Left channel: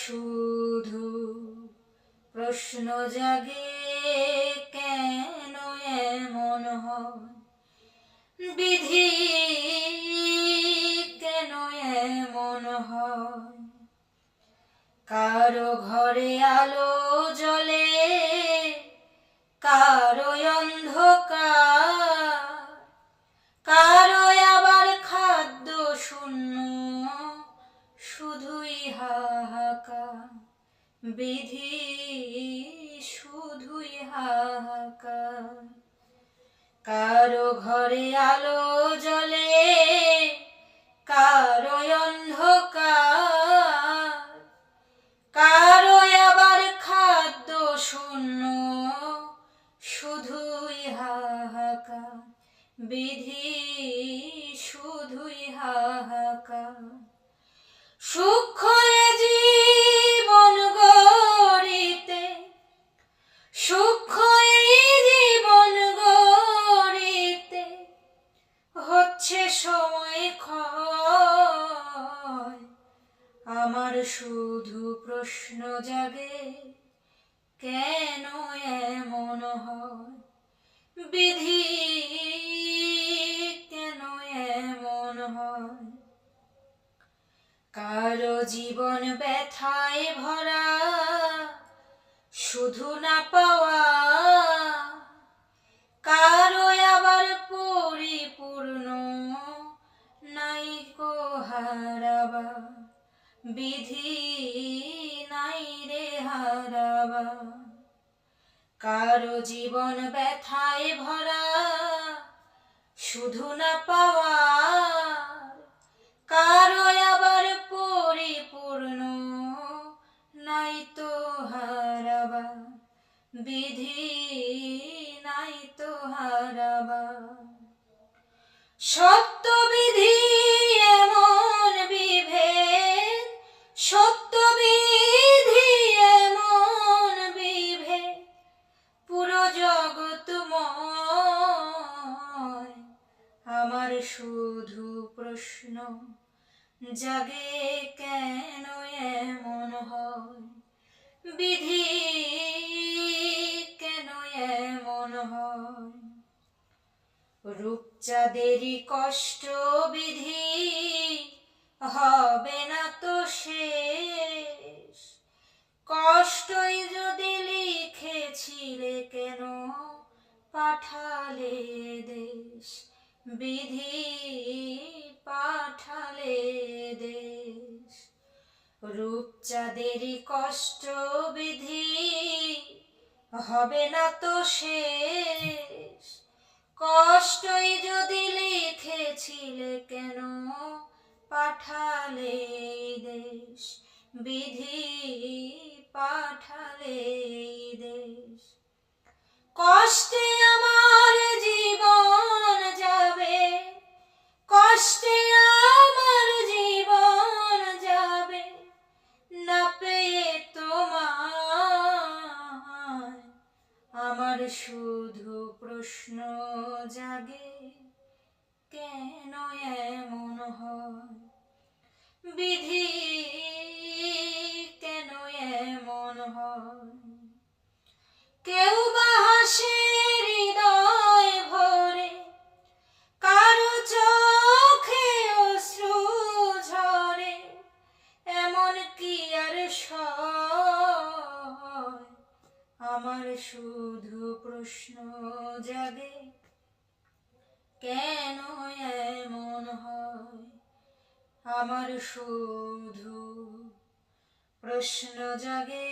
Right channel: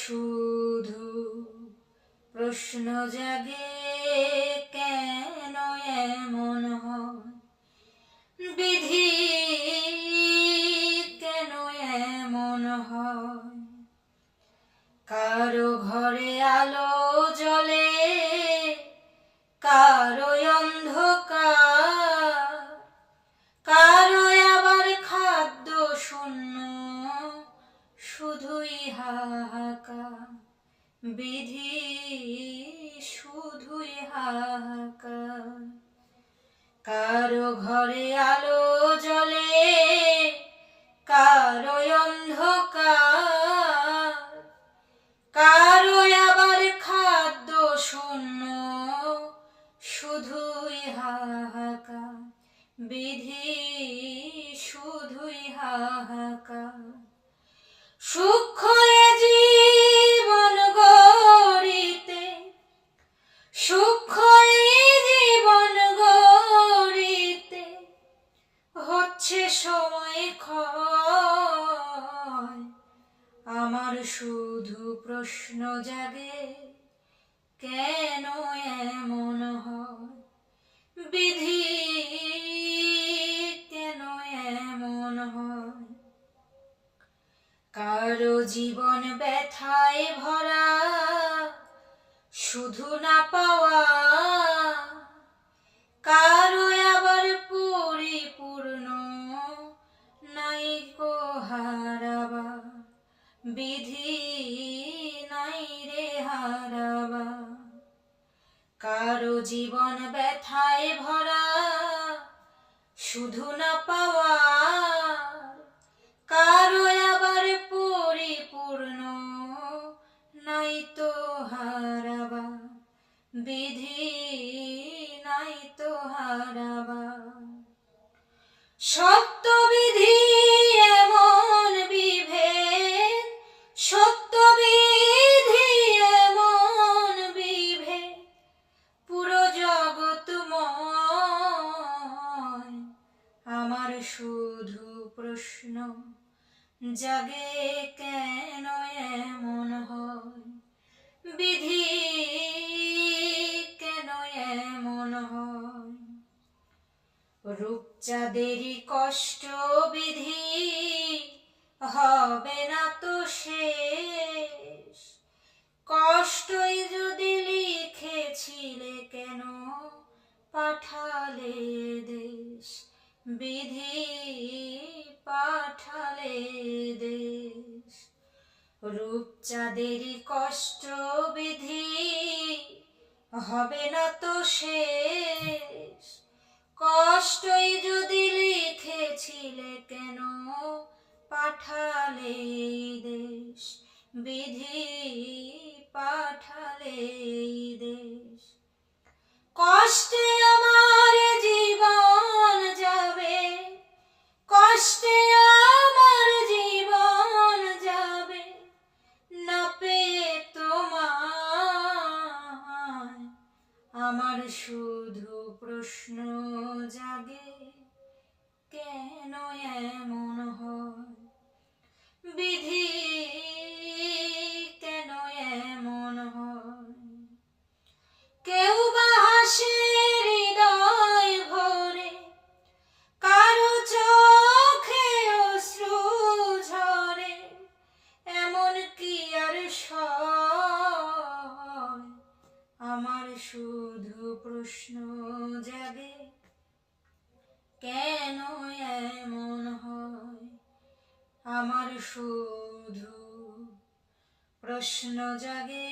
শুধু প্রশ্ন জাগে কেন এমন হয়, বিধি কেন এমন হয়। কারো ঘরে আলো জ্বলে, কারো অন্ধকার, কারো আবার খাদ্য শূন্য, শুধুই হাহাকার। বিধি শুধুই হাহাকার। কারো ঘরে আলো জ্বলে, কারো অন্ধকার, কারো আবার খাদ্য শূন্য, শুধুই হাহাকার। বিধি শুধুই হাহাকার। সূক্ষ্ম এ জীবন গড়িতে, সূক্ষ্ম এই জীবন গড়িতে হচ্ছে সময় ক্ষয়। আমার শুধু প্রশ্ন জাগে কেন এমন হয়, বিধি কেন এমন হয়। কারো জীবন ব্যথায় ভরা, শুধু না পাওয়া, কারো আবার পরিপূর্ণ, নাই কো হারাবা। বিধি নাই রে হারাবা। কারো জীবন ব্যথায় ভরা, শুধু না পাওয়া, কারো আবার পরিপূর্ণ, নাই তো হারাবা। বিধি নাই তো হারাবা। সত্য বিধি এমন বিভেদ, সত্য বিধি এমন বিভেদ, পুরো জগৎময়। আমার শুধু প্রশ্ন জাগে কেন এমন হয়, বিধি কেন এমন হয়। রূপচাঁদেরই কষ্ট বিধি হবে না তো শেষ। কষ্টই যদি লিখেছিলে কেন পাঠালে দেশ। বিধি পাঠালে দেশ। রূপচাঁদেরই কষ্ট বিধি হবে না তো শেষ। কষ্টই যদি লিখেছিলে কেন পাঠালে দেশ। বিধি পাঠালে দেশ। কষ্টে আমার জীবন যাবে, কষ্টে আমার জীবন যাবে, না পেয়ে তোমায়। আমার শুধু প্রশ্ন জাগে কেন এমন হয়, বিধি কেন এমন হয়। কেউ বা হাসে হৃদয় ভরে, কারো চোখে অশ্রু ঝরে, এমন কি আর সয়। আমার শুধু প্রশ্ন জাগে কেন এমন হয়। আমার শুধু প্রশ্ন জাগে